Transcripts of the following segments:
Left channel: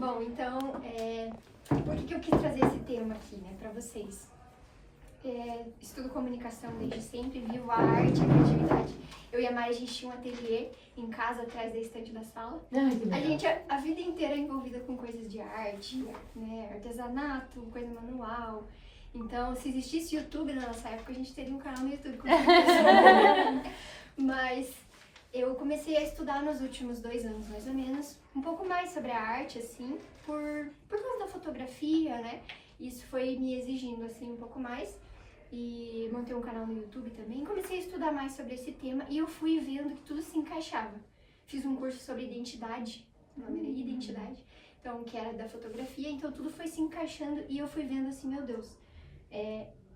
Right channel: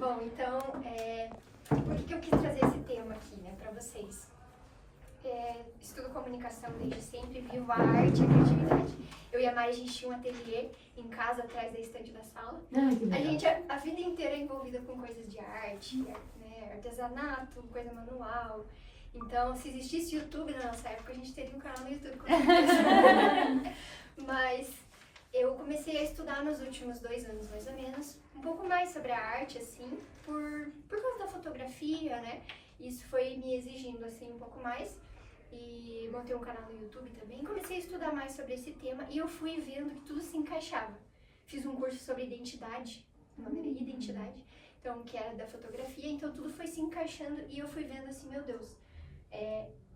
Bom, então, por que eu quis trazer esse tema aqui, né, pra vocês? Estudo comunicação desde sempre, vivo a arte, a criatividade. Eu e a Mari, a gente tinha um ateliê em casa, atrás da estante da sala. A gente, a vida inteira é envolvida com coisas de arte, né, artesanato, coisa manual. Então, se existisse YouTube na nossa época, a gente teria um canal no YouTube, com certeza. Mas eu comecei a estudar nos últimos 2 anos, mais ou menos, um pouco mais sobre a arte, assim, por causa da fotografia, né? Isso foi me exigindo, assim, um pouco mais. E montei um canal no YouTube também. Comecei a estudar mais sobre esse tema e eu fui vendo que tudo se encaixava. Fiz um curso sobre identidade, o nome era Identidade, então, que era da fotografia, então tudo foi se encaixando e eu fui vendo assim, meu Deus,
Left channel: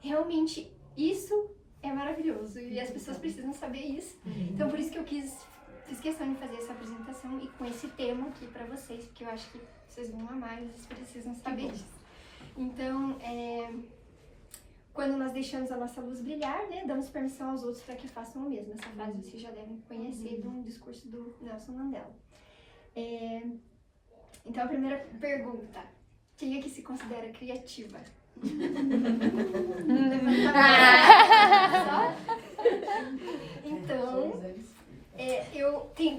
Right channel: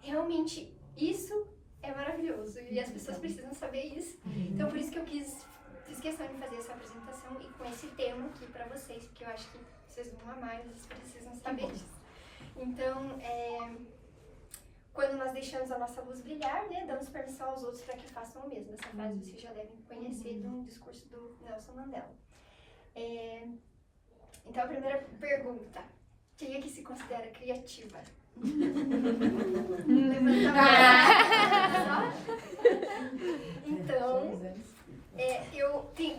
realmente isso é maravilhoso e as pessoas precisam saber isso. Então, por isso que eu fiz questão de fazer essa apresentação e com esse tema aqui pra vocês, porque eu acho que vocês vão amar e vocês precisam saber disso. Então, quando nós deixamos a nossa luz brilhar, né, damos permissão aos outros para que façam o mesmo. Essa frase vocês já devem conhecer de um discurso do Nelson Mandela. Então, a primeira pergunta: quem é que se considera criativa? Levanta a mão. Então,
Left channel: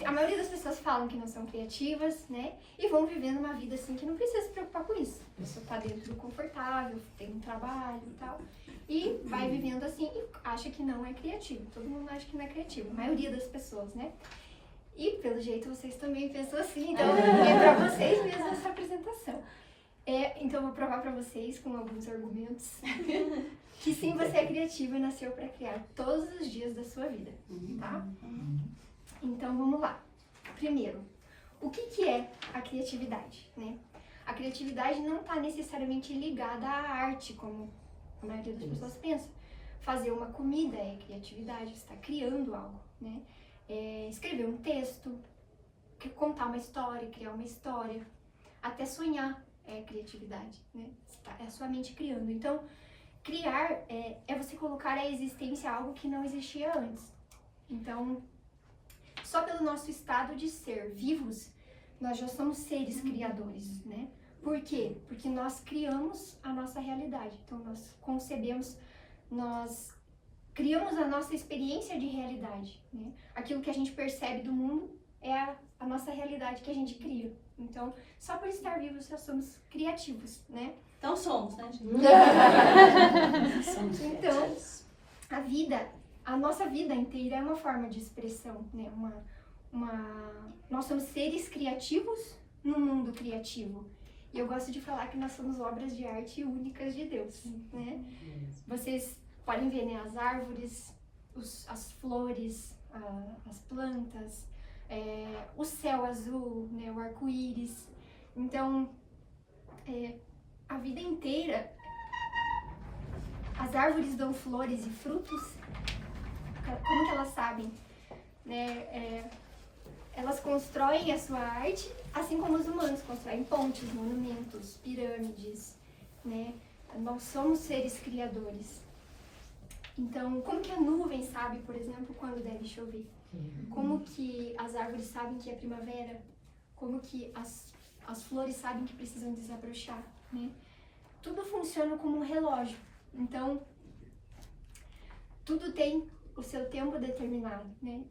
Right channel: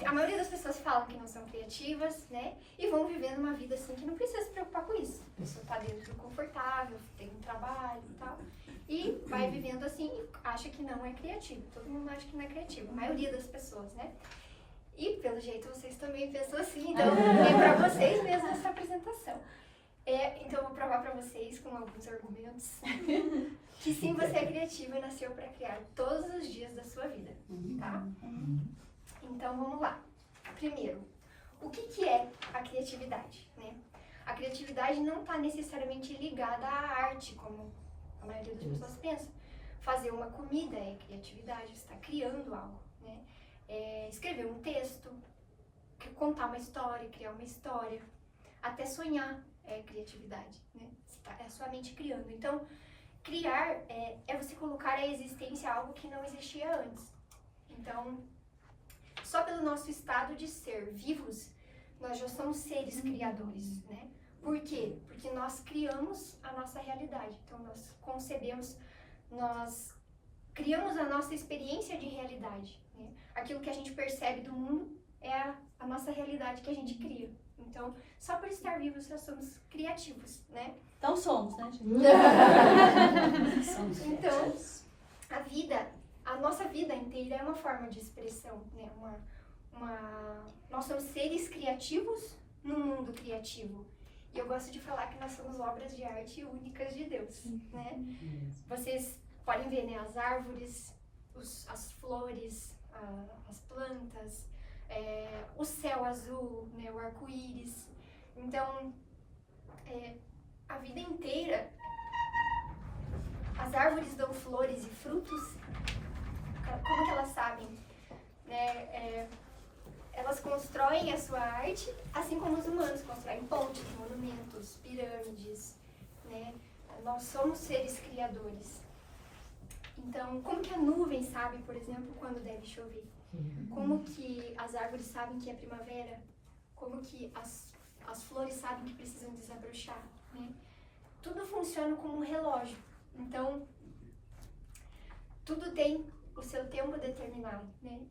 a maioria das pessoas falam que não são criativas, né? E vão vivendo uma vida assim que não precisa se preocupar com isso. A pessoa tá dentro do confortável, tem um trabalho e tal. E vai vivendo assim e acha que não é criativo. Todo mundo acha que não é criativo, a maioria das pessoas, né? E pelo jeito vocês também pensam assim, então é pra vocês mesmo essa apresentação. Então eu vou provar pra vocês com alguns argumentos que sim, você é criativo e nasceu pra criar todos os dias da sua vida, tá? Então vamos lá. Primeiro, o que é a criatividade, né? A criatividade não está necessariamente ligada à arte, como a maioria das pessoas pensa. Fazer uma comida é criatividade, você está criando algo, né? Escrever um texto, contar uma história, criar uma história, até sonhar é criatividade, né? É a sua mente criando. Então, criar é você colocar à existência algo que não existia antes. Então, só pelo nosso estado de ser vivos, nós já somos seres criadores, né? Por quê? Porque nós criamos a nossa realidade. Então, nós concebemos, nós criamos a nossa experiência de realidade, né? Aquilo que a gente percebe do mundo é a nossa realidade que a gente cria. Então, só por estar vivos, nós somos criativos, né? Então somos, né? Então, a nossa vida inteira é uma forma de expressão, né? Nós somos seres criativos num mundo criativo. E eu gosto de falar que nós somos obras de arte únicas de Deus, né? Vocês podem ver, né, as árvores, as flores, as plantas, o céu azul, né, o arco-íris. Então, a vida inteira, as árvores dão flores e frutos. Como que elas sabem? Né? Elas constroem a sua arte, assim como os humanos constroem pontes, monumentos, pirâmides, né? Nós somos seres criadores. Então, como que a nuvem sabe, por exemplo, quando deve chover? Como que as árvores sabem que é primavera? Como que as flores sabem que precisam desabrochar, né? Tudo funciona como um relógio. Então, tudo tem o seu tempo determinado, né?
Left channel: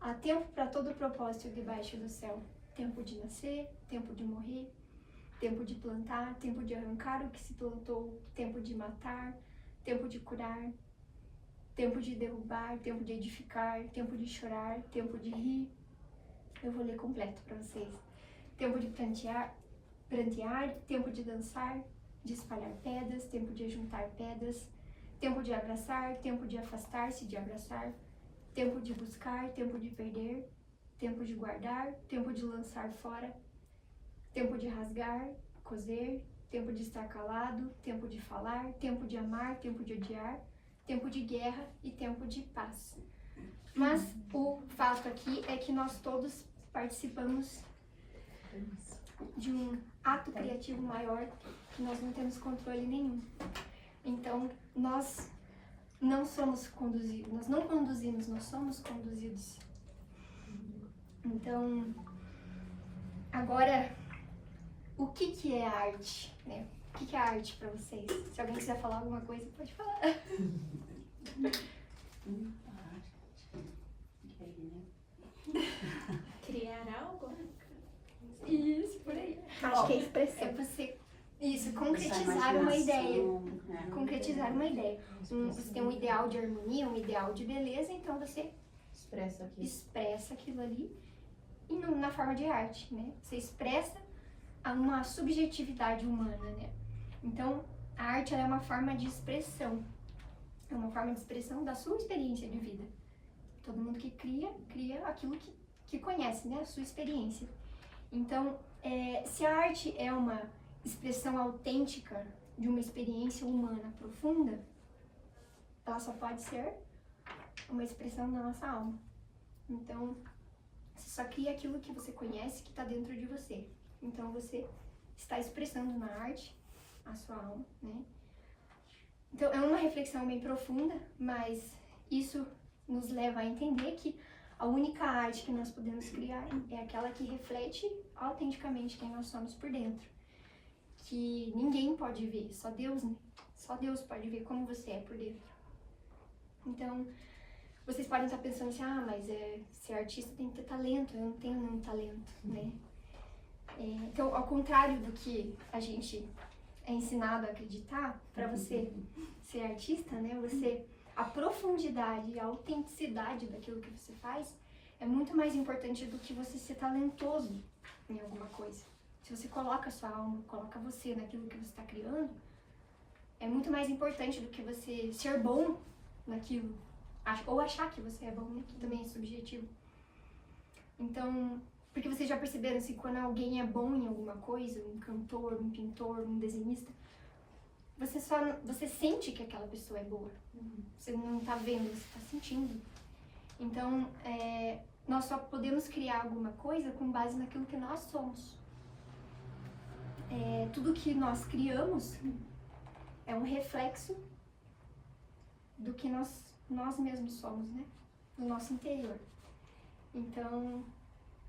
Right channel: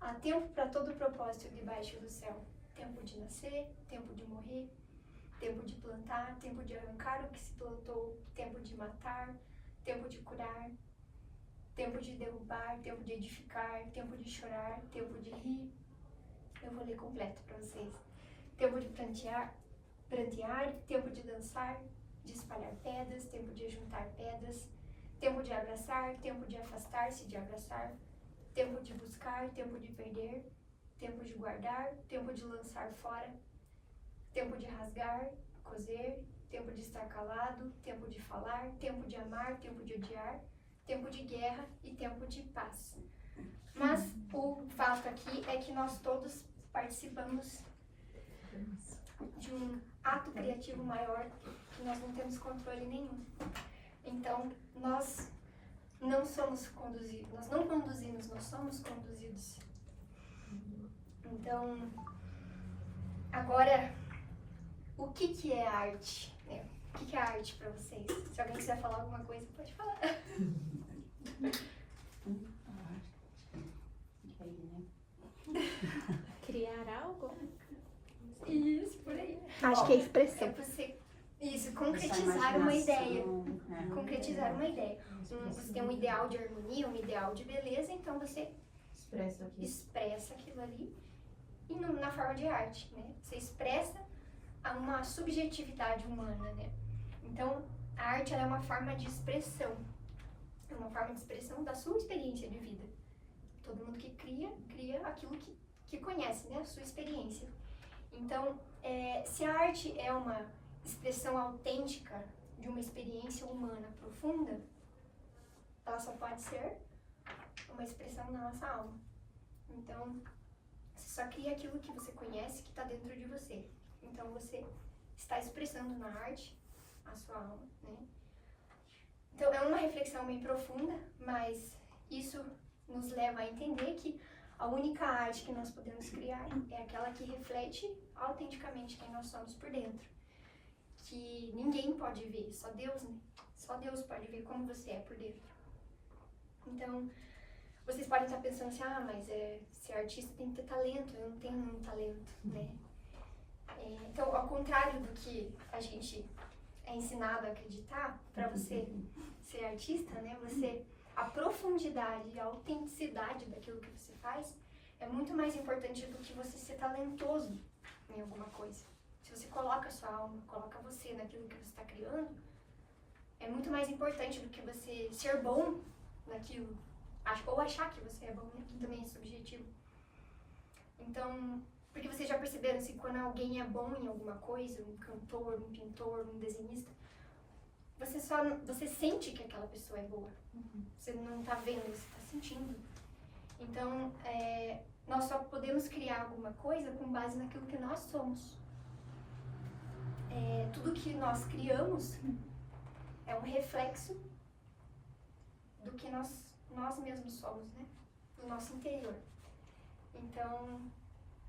Há tempo para todo o propósito debaixo do céu. Tempo de nascer, tempo de morrer, tempo de plantar, tempo de arrancar o que se plantou, tempo de matar, tempo de curar, tempo de derrubar, tempo de edificar, tempo de chorar, tempo de rir. Eu vou ler completo para vocês. Tempo de prantear, tempo de dançar, de espalhar pedras, tempo de ajuntar pedras, tempo de abraçar, tempo de afastar-se de abraçar, tempo de buscar, tempo de perder, tempo de guardar, tempo de lançar fora, tempo de rasgar, coser, tempo de estar calado, tempo de falar, tempo de amar, tempo de odiar, tempo de guerra e tempo de paz. Mas o fato aqui é que nós todos participamos de um ato criativo maior que nós não temos controle nenhum. Então, nós não somos conduzidos, nós não conduzimos, nós somos conduzidos. Então, agora, o que é arte, né? O que é arte para vocês? Se alguém quiser falar alguma coisa, pode falar. Criar algo? Isso, por aí. Acho que é expressão. É você, isso, concretizar uma ideia. Concretizar uma ideia. Você tem um ideal de harmonia, um ideal de beleza, então você expressa aquilo ali e na forma de arte, né? Você expressa uma subjetividade humana, né? Então, a arte ela é uma forma de expressão. É uma forma de expressão da sua experiência de vida. Todo mundo que cria aquilo que conhece, né? A sua experiência. Então, se a arte é uma expressão autêntica de uma experiência humana profunda, ela só pode ser uma expressão da nossa alma. Então, você só cria aquilo que você conhece, que está dentro de você. Então, você está expressando na arte a sua alma, né? Então, é uma reflexão bem profunda, mas isso nos leva a entender que a única arte que nós podemos criar é aquela que reflete autenticamente quem nós somos por dentro. Que ninguém pode ver, só Deus, né? Só Deus pode ver como você é por dentro. Então, vocês podem estar pensando assim, mas ser artista tem que ter talento, eu não tenho nenhum talento, né? Então, ao contrário do que a gente é ensinado a acreditar, para você ser artista, né? A profundidade e a autenticidade daquilo que você faz é muito mais importante do que você ser talentoso em alguma coisa. Se você coloca a sua alma, coloca você naquilo que você está criando, é muito mais importante do que você ser bom naquilo. Ou achar que você é bom, né? Que também é subjetivo. Então, porque vocês já perceberam se quando alguém é bom em alguma coisa, um cantor, um pintor, um desenhista, você sente que aquela pessoa é boa. Você não está vendo, você está sentindo. Então, nós só podemos criar alguma coisa com base naquilo que nós somos. Tudo que nós criamos é um reflexo do que nós mesmos somos, né? No nosso interior. Então,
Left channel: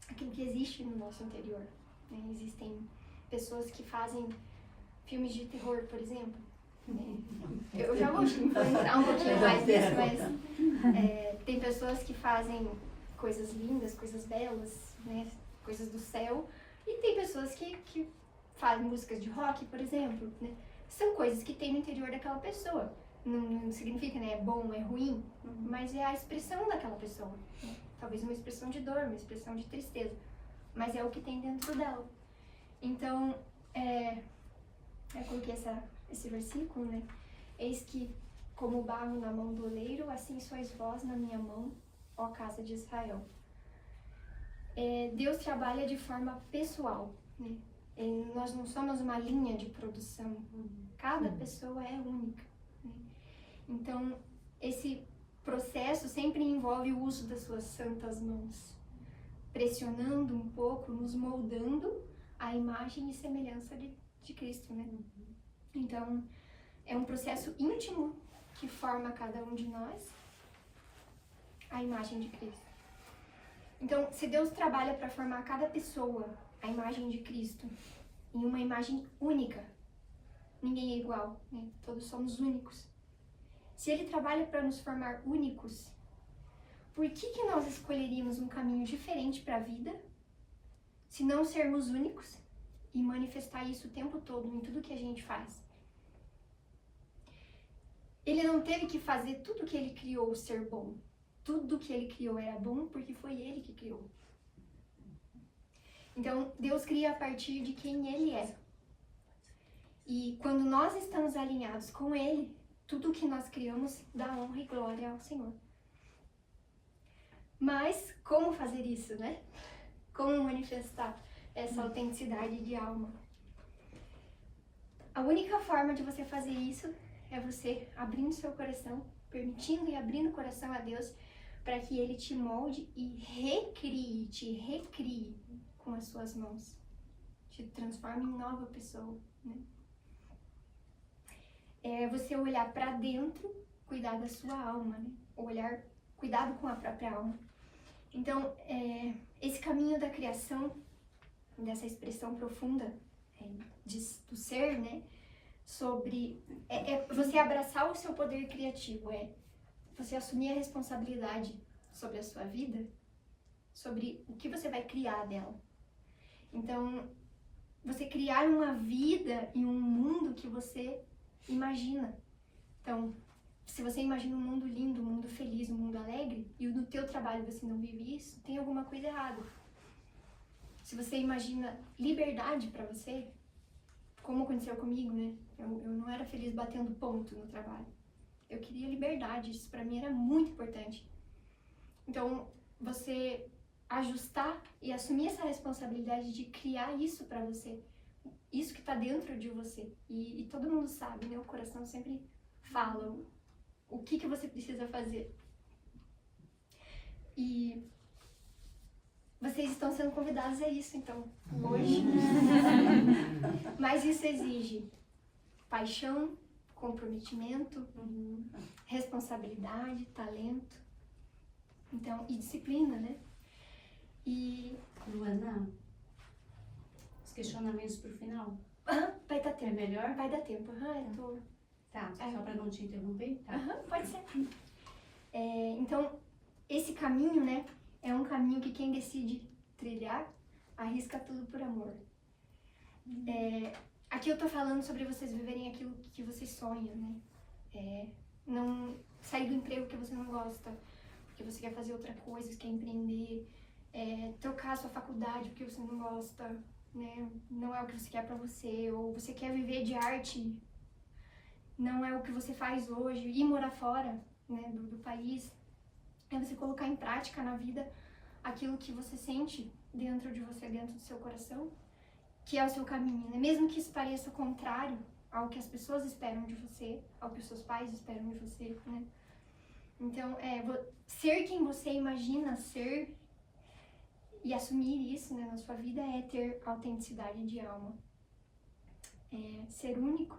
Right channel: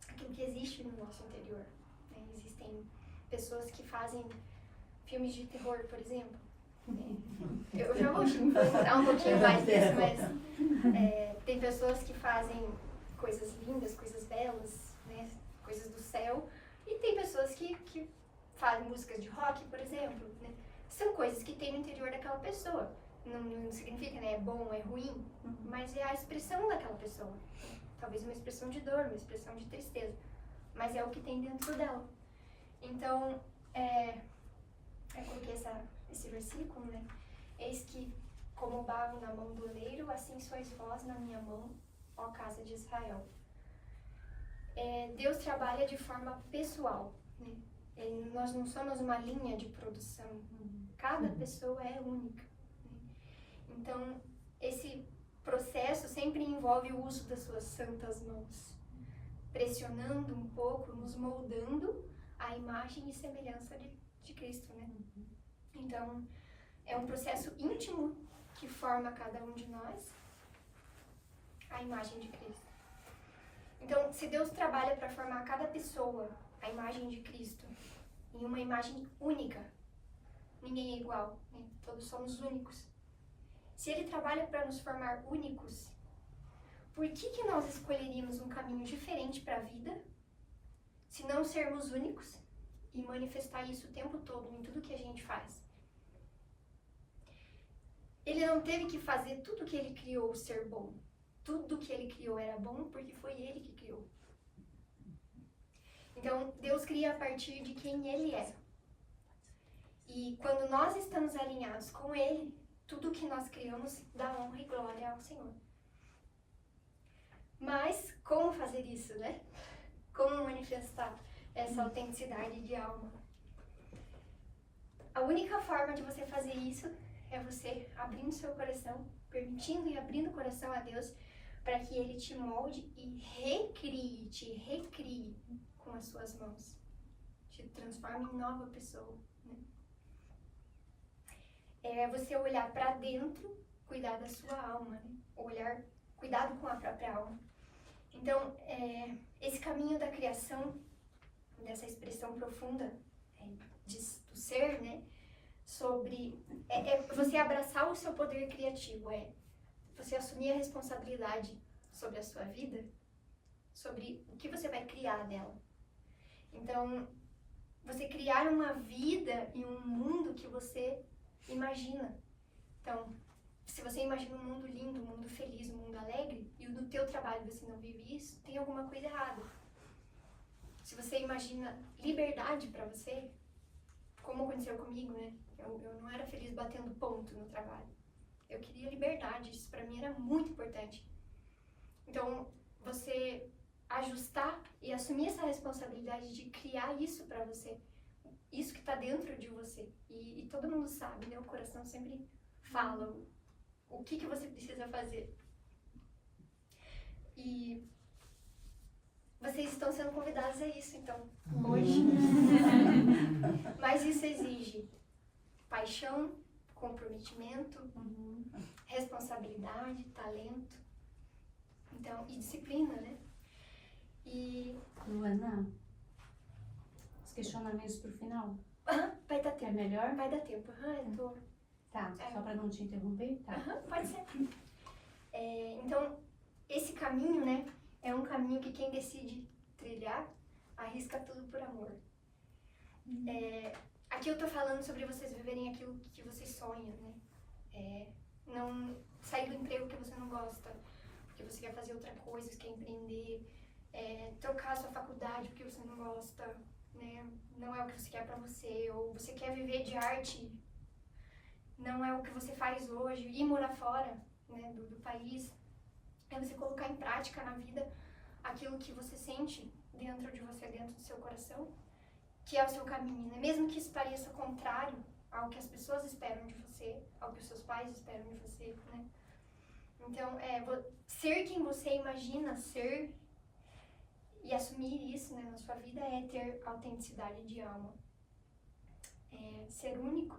aquilo que existe no nosso interior, né? Existem pessoas que fazem filmes de terror, por exemplo. Eu já vou entrar um pouquinho mais nisso, mas tem pessoas que fazem coisas lindas, coisas belas, né? Coisas do céu. E tem pessoas que fazem músicas de rock, por exemplo, né? São coisas que tem no interior daquela pessoa. Não significa, né, é bom, é ruim, mas é a expressão daquela pessoa. Talvez uma expressão de dor, uma expressão de tristeza, mas é o que tem dentro dela. Então, eu coloquei esse versículo, né? Eis que, como barro na mão do oleiro, assim sois vós na minha mão, ó casa de Israel. Deus trabalha de forma pessoal, né? Nós não somos uma linha de produção. Cada pessoa é única. Né? Então, esse processo sempre envolve o uso das suas santas mãos, pressionando um pouco, nos moldando a imagem e semelhança de Cristo, né? Então, é um processo íntimo que forma cada um de nós a imagem de Cristo. Então, se Deus trabalha para formar cada pessoa a imagem de Cristo em uma imagem única, ninguém é igual, né? Todos somos únicos. Se Ele trabalha para nos formar únicos, por que nós escolheríamos um caminho diferente para a vida, se não sermos únicos e manifestar isso o tempo todo em tudo que a gente faz? Ele não teve que fazer tudo que Ele criou ser bom. Tudo que Ele criou era bom porque foi Ele que criou. Então, Deus cria a partir de quem Ele é. E quando nós estamos alinhados com Ele, tudo que nós criamos dá honra e glória ao Senhor. Mas como fazer isso, né? Como manifestar essa autenticidade de alma? A única forma de você fazer isso é você abrindo seu coração, permitindo e abrindo o coração a Deus, para que Ele te molde e te recrie com as suas mãos. Te transforme em nova pessoa, né? É você olhar para dentro, cuidar da sua alma, né? Cuidado com a própria alma. Então, esse caminho da criação, dessa expressão profunda, do ser, né? Sobre você abraçar o seu poder criativo, você assumir a responsabilidade sobre a sua vida, sobre o que você vai criar dela. Então, você criar uma vida e um mundo que você imagina. Então, se você imagina um mundo lindo, um mundo feliz, um mundo alegre, e no teu trabalho você não vive isso, tem alguma coisa errada. Se você imagina liberdade para você, como aconteceu comigo, né? Eu não era feliz batendo ponto no trabalho. Eu queria liberdade, isso para mim era muito importante. Então, você ajustar e assumir essa responsabilidade de criar isso para você, isso que está dentro de você. E todo mundo sabe, né? O coração sempre fala o que você precisa fazer. E vocês estão sendo convidados a isso, então, hoje. Mas isso exige paixão, comprometimento, responsabilidade, talento, então, e disciplina, né? E... Luana, os questionamentos pro final. Vai dar tempo. É melhor? Vai dar tempo. Eu tô... Tá, só pra não te interromper? Tá. Pode ser. Então, esse caminho, né, é um caminho que quem decide trilhar, arrisca tudo por amor. Aqui eu tô falando sobre vocês viverem aquilo que vocês sonham, né? Não sair do emprego que você não gosta, porque você quer fazer outra coisa, você quer empreender, trocar a sua faculdade porque você não gosta, né? Não é o que você quer pra você, ou você quer viver de arte, não é o que você faz hoje, ir morar fora, né, do país. É você colocar em prática na vida aquilo que você sente dentro de você, dentro do seu coração, que é o seu caminho, né? Mesmo que isso pareça contrário ao que as pessoas esperam de você, ao que os seus pais esperam de você, né? Então, ser quem você imagina ser e assumir isso, né, na sua vida é ter autenticidade de alma. Ser único.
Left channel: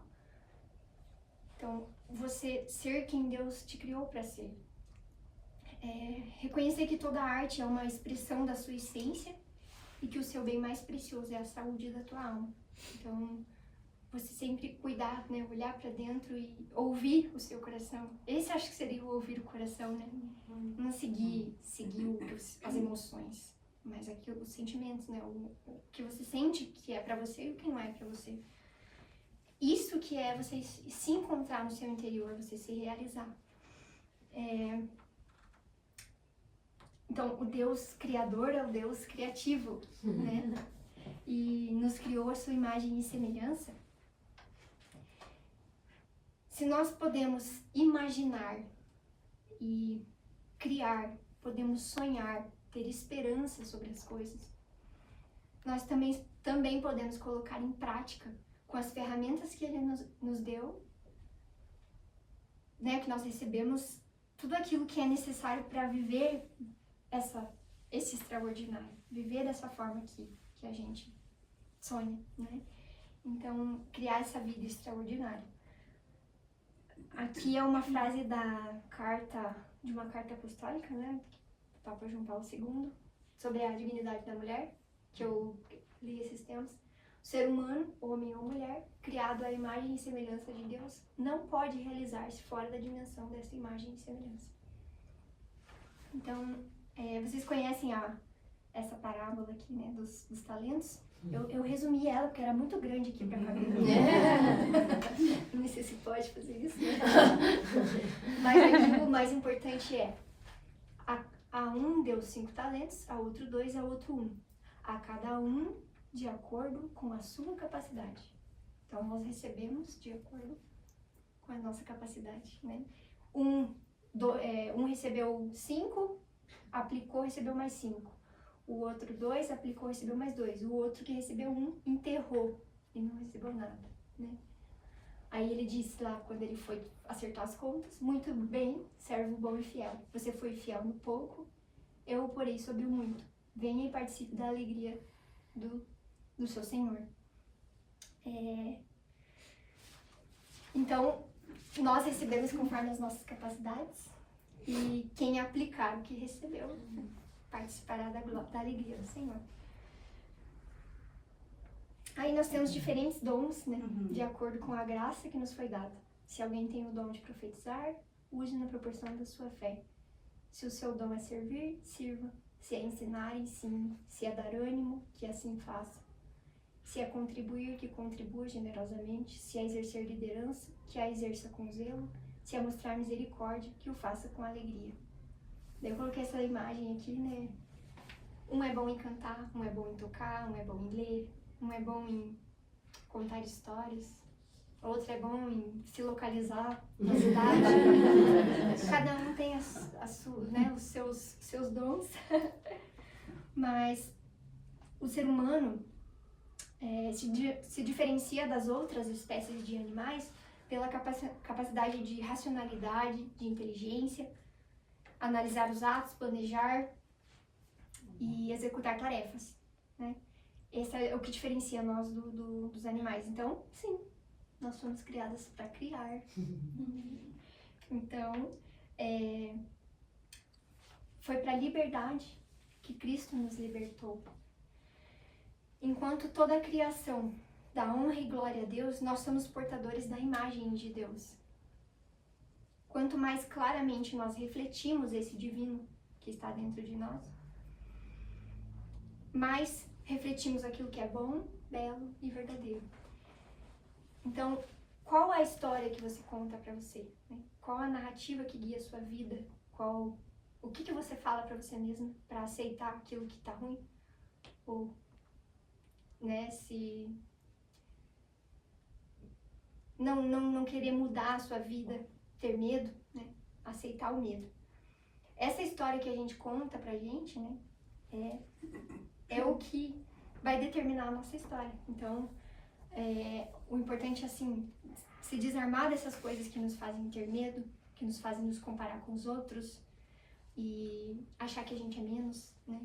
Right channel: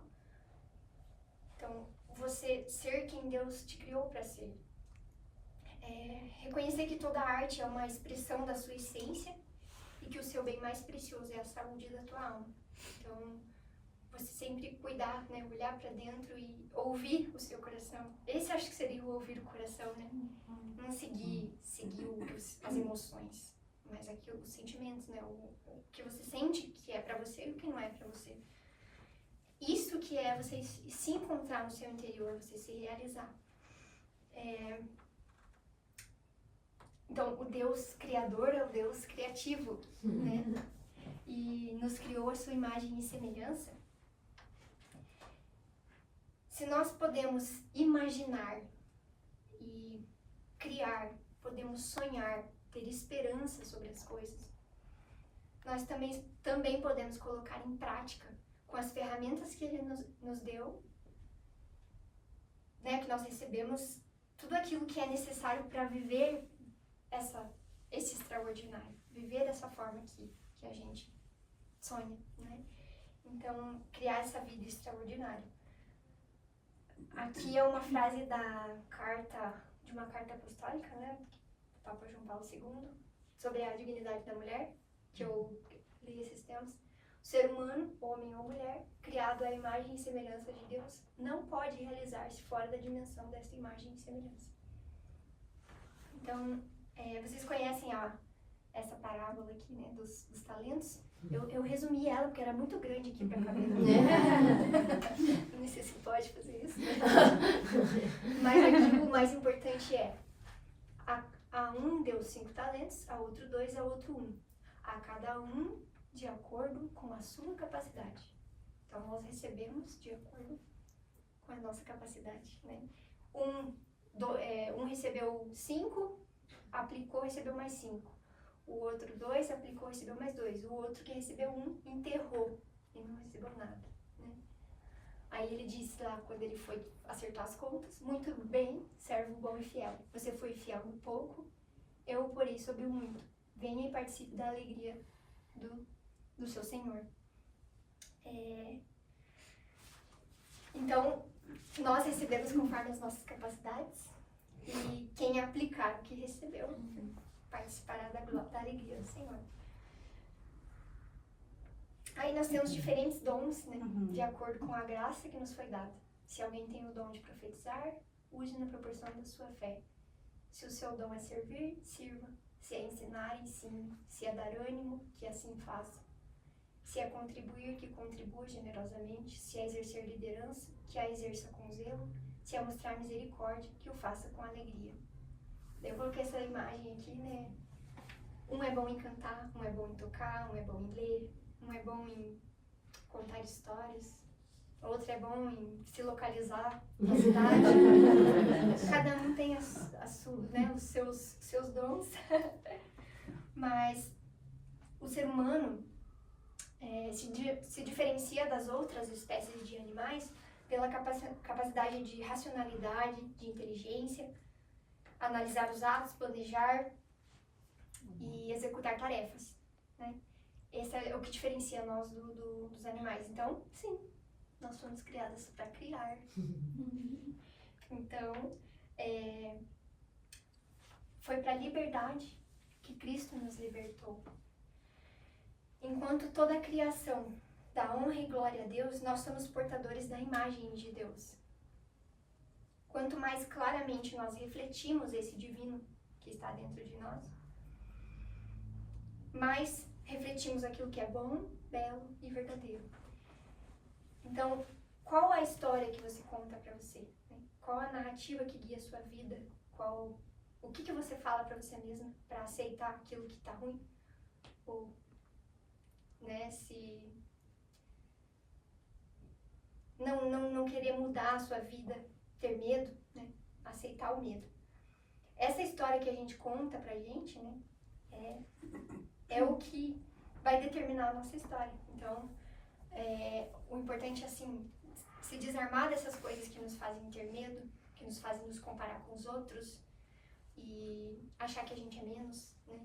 Então, você ser quem Deus te criou para ser. Reconhecer que toda arte é uma expressão da sua essência e que o seu bem mais precioso é a saúde da tua alma. Então, você sempre cuidar, né, olhar para dentro e ouvir o seu coração. Esse acho que seria o ouvir o coração, né? Não seguir as emoções, mas aqui os sentimentos, né? O que você sente que é para você e o que não é para você. Isso que é você se encontrar no seu interior, você se realizar. Então, o Deus criador é o Deus criativo, né? E nos criou a sua imagem e semelhança. Se nós podemos imaginar e criar, podemos sonhar, ter esperança sobre as coisas, nós também podemos colocar em prática com as ferramentas que Ele nos deu, né, que nós recebemos, tudo aquilo que é necessário para viver esse extraordinário, viver dessa forma que a gente sonha, né? Então, criar essa vida extraordinária. Aqui é uma frase de uma carta apostólica, né, do Papa João Paulo II, sobre a dignidade da mulher, que eu li esses tempos. O ser humano, homem ou mulher, criado à imagem e semelhança de Deus, não pode realizar-se fora da dimensão dessa imagem e semelhança. Então, vocês conhecem essa parábola aqui, né, dos talentos? Eu resumi ela porque era muito grande aqui para caber. Não sei se pode fazer isso, né? Mas aqui o mais importante a um deu 5 talentos, a outro 2, a outro 1. A cada um de acordo com a sua capacidade. Então, nós recebemos de acordo com a nossa capacidade, né? Um recebeu 5, aplicou, recebeu mais 5. O outro 2 aplicou, recebeu mais 2. O outro que recebeu 1 enterrou e não recebeu nada, né? Aí ele disse lá, quando ele foi acertar as contas: muito bem, servo bom e fiel. Você foi fiel no pouco, eu o porei sobre o muito. Venha e participe da alegria do seu Senhor. Então, nós recebemos conforme as nossas capacidades, e quem aplicar o que recebeu participará da alegria do Senhor. Aí nós temos diferentes dons, né? Uhum. De acordo com a graça que nos foi dada. Se alguém tem o dom de profetizar, use na proporção da sua fé. Se o seu dom é servir, sirva. Se é ensinar, ensine. Se é dar ânimo, que assim faça. Se é contribuir, que contribua generosamente. Se é exercer liderança, que a exerça com zelo. Se é mostrar misericórdia, que o faça com alegria. Daí eu coloquei essa imagem aqui, né? Um é bom em cantar, um é bom em tocar, um é bom em ler, um é bom em contar histórias, outro é bom em se localizar na cidade. Cada um tem né, os seus dons. Mas o ser humano se diferencia das outras espécies de animais pela capacidade de racionalidade, de inteligência, analisar os atos, planejar e executar tarefas, né? Esse é o que diferencia nós dos animais. Então, sim, nós fomos criadas para criar. Então, foi para a liberdade que Cristo nos libertou. Enquanto toda a criação dá honra e glória a Deus, nós somos portadores da imagem de Deus. Quanto mais claramente nós refletimos esse divino que está dentro de nós, mais refletimos aquilo que é bom, belo e verdadeiro. Então, qual a história que você conta para você? Né? Qual a narrativa que guia a sua vida? O que você fala para você mesma para aceitar aquilo que está ruim? Ou, né, se não querer mudar a sua vida, ter medo, né? Aceitar o medo. Essa história que a gente conta pra gente, né, é o que vai determinar a nossa história. Então, o importante é, assim, se desarmar dessas coisas que nos fazem ter medo, que nos fazem nos comparar com os outros e achar que a gente é menos, né?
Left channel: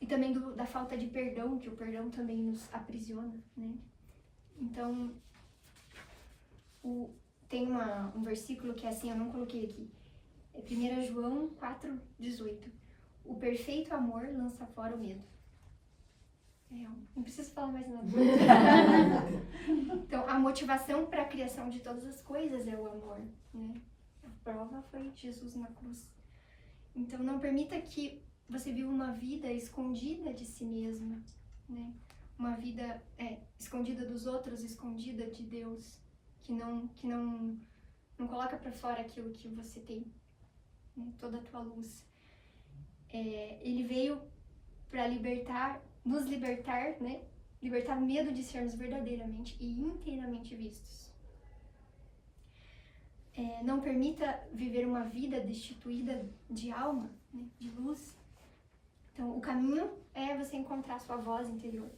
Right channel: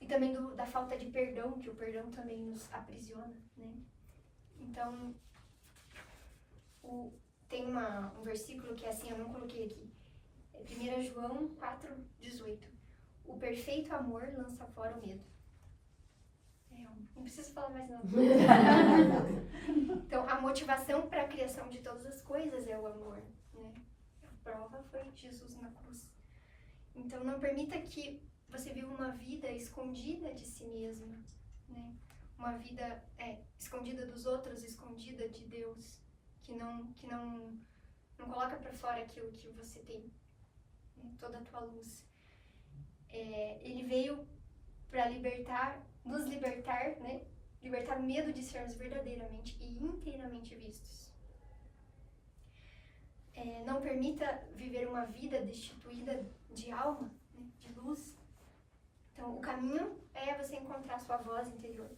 E também da falta de perdão, que o perdão também nos aprisiona, né? Então, tem um versículo que é assim, eu não coloquei aqui, é 1 João 4,18. O perfeito amor lança fora o medo. Não preciso falar mais nada. Então, a motivação para a criação de todas as coisas é o amor, né? A prova foi Jesus na cruz. Então, não permita que você viva uma vida escondida de si mesma, né? Uma vida escondida dos outros, escondida de Deus, que não coloca para fora aquilo que você tem, né? Toda a tua luz. Ele veio para nos libertar, né? Libertar o medo de sermos verdadeiramente e inteiramente vistos. Não permita viver uma vida destituída de alma, né? De luz. Então, o caminho é você encontrar a sua voz interior.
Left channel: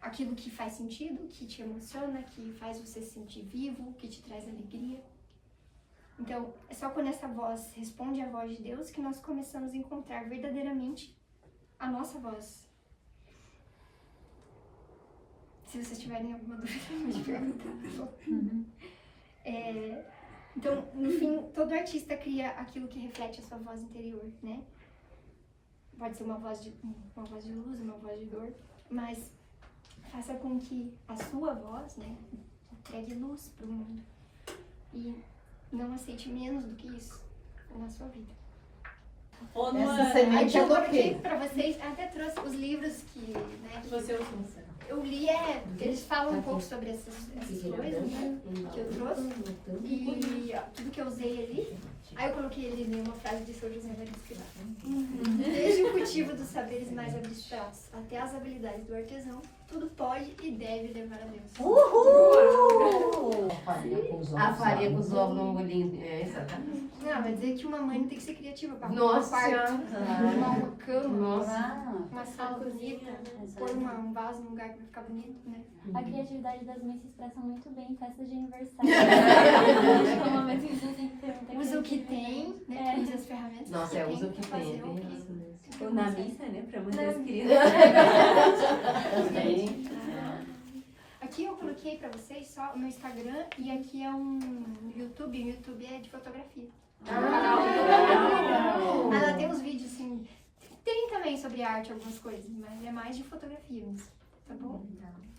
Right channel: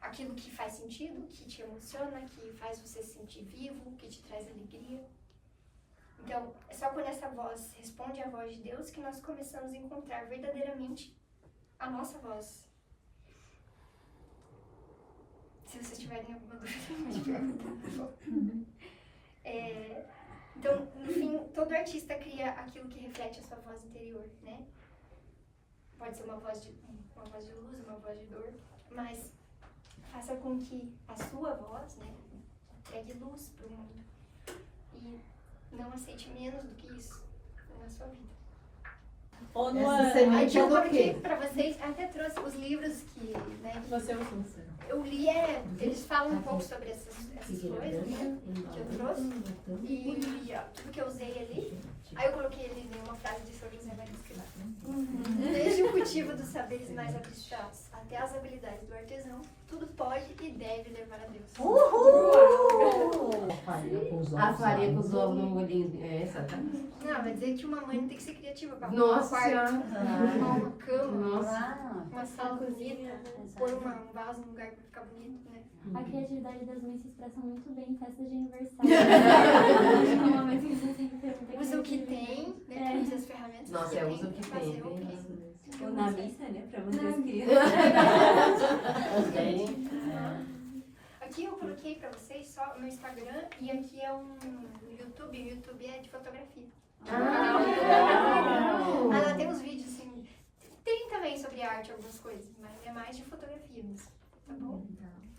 Aquilo que faz sentido, que te emociona, que faz você se sentir vivo, que te traz alegria. Então, é só quando essa voz responde à voz de Deus que nós começamos a encontrar verdadeiramente a nossa voz. Se vocês tiverem alguma dúvida, pode perguntar, por favor. Então, no fim, todo artista cria aquilo que reflete a sua voz interior, né? Pode ser uma voz de luz, uma voz de dor, mas faça com que a sua voz, né, entregue luz para o mundo. E não aceite menos do que isso na sua vida. Aqui eu coloquei para vocês, até trouxe os livros que, né, eu li, eles falam um pouco sobre essas coisas, né, que eu trouxe, e tudo que eu usei ali. Aí eu coloquei ali uma frase de São José Maria Escrivá. Desde o cultivo dos saberes mais abstratos até as habilidades do artesão, tudo pode e deve levar a Deus. Uhul! A farinha com os ovos no molhinho. Exatamente. Não, vai dizer que uma mãe tem que ser criativa para arrumar um Nossa, quarto, uma cama, Nossa. uma sala bonita, pôr um vaso num lugar que vai ficar bonito, né? A criatividade das mães se expressa muito bem em festas de aniversário. Usa o que tem, né? Usa as ferramentas Nossa, que tem usa o que pra tem. fazer o que Na missa, né? Pra manter as crianças. Aqui eu coloquei pra vocês só o meu Instagram e aqui é um YouTube. O YouTube é de fotografia. Canal de fotografia. Ela tem uns vídeos assim. Tem também sobre arte algumas coisas, mas é mais de fotografia mesmo. tá bom? Tá.